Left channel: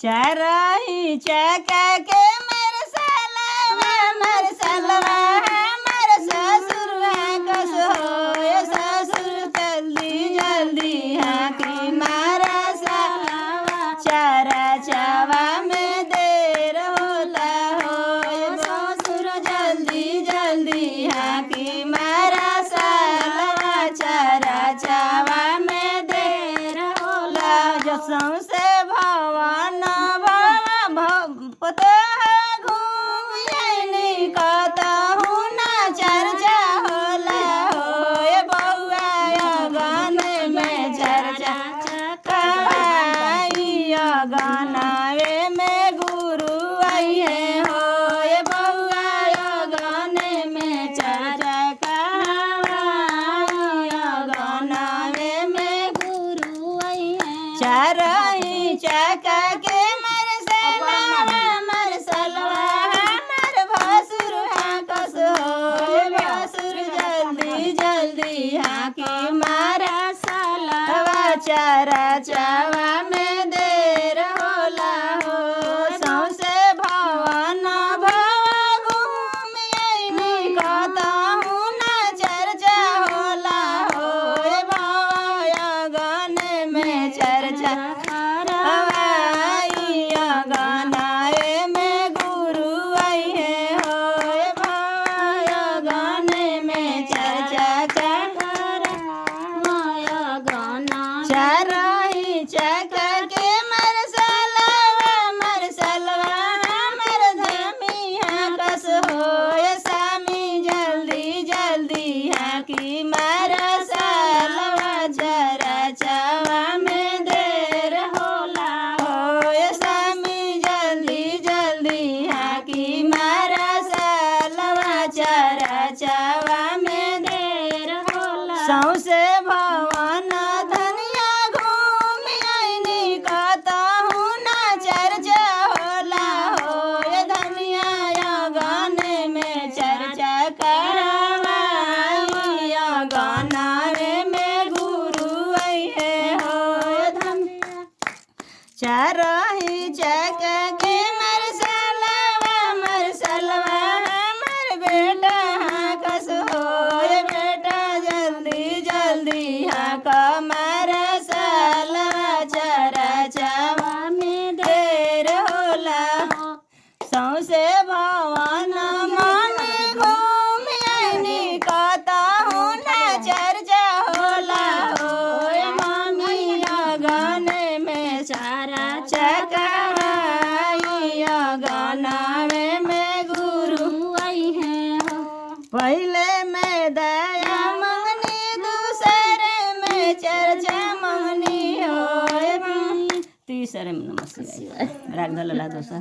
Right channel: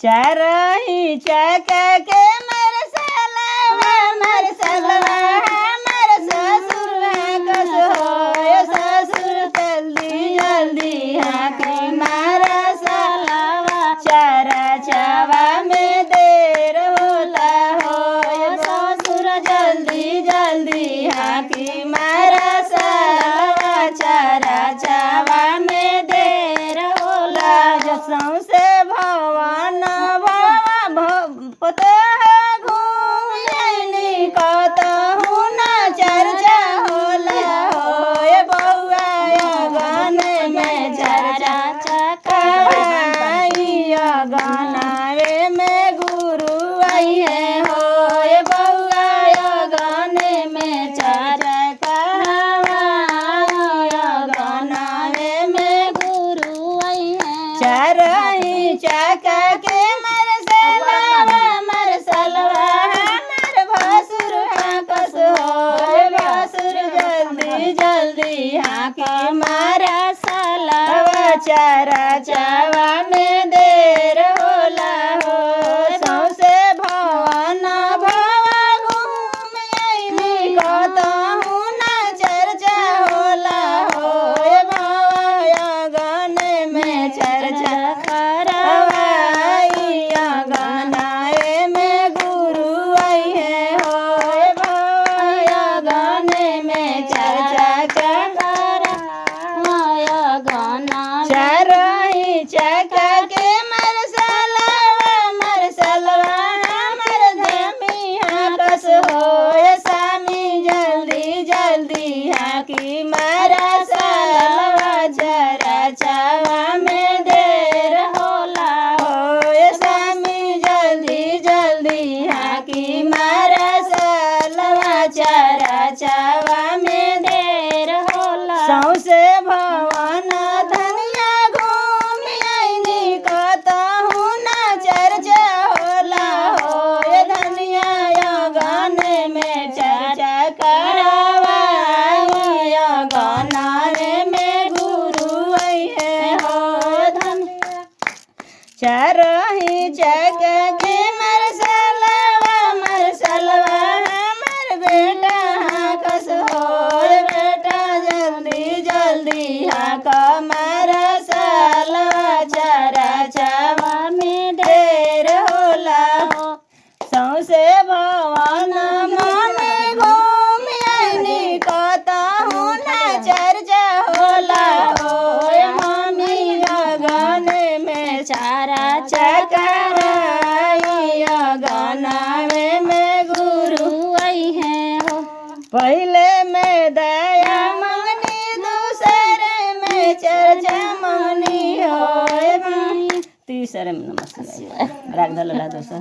चारही चका के मेरे सलवा मेरे ससुर कस हो ससुर जल्दी जल्दी हाकी मारा सलवा चारा चावा में देर होता हो ससुर जल्दी जल्दी हाकी मारा सलवा चारा चावा में देर होला जसों से भवन पते घूमनी कतहु न चर्चा होला हो बउआ अगन में चर्चा चकाई अगनावे में गुरु आई है हो बउआ अगन में चर्चा चकाई अगनावे में गुरु आई है चारही चका के जल्दी हाकी मारा सलवा चारा चावा में देर होला हो सौसे भवन घूम आईली कतहु न चर्चा होला हो अगन में चर्चा करवाई अगनाए में गुरु आई है हो अगन में चर्चा चारही चका के मर सलवा मर जमिया कस हो सामी जल्दी जल्दी हाकी मारा सलवा चारा चावा में देर होला हो सामी जल्दी जल्दी हाकी मारा सलवा चारा चावा में देर होला सौसे भवन धनिया घूम आईनी कतहु न चर्चा होला हो धनिया अगन में चर्चा करवाई अगनावे में गुरु आई है हो धनिया चारही चका के मर सलवा हमर बेटा कस हो बेटा जल्दी जल्दी हाका मारा सलवा चारा चावा में देर होला हो सौसे भवन मन घूम आईनी कतहु न चर्चा होला हो मम्मी अगन में चारा चकाई अगनावे में गुरु आई है हो पहले में दया मंगनी दूसरे में चर्चा मंगनी हो तीसरे में नमस्कार राग भला दोसर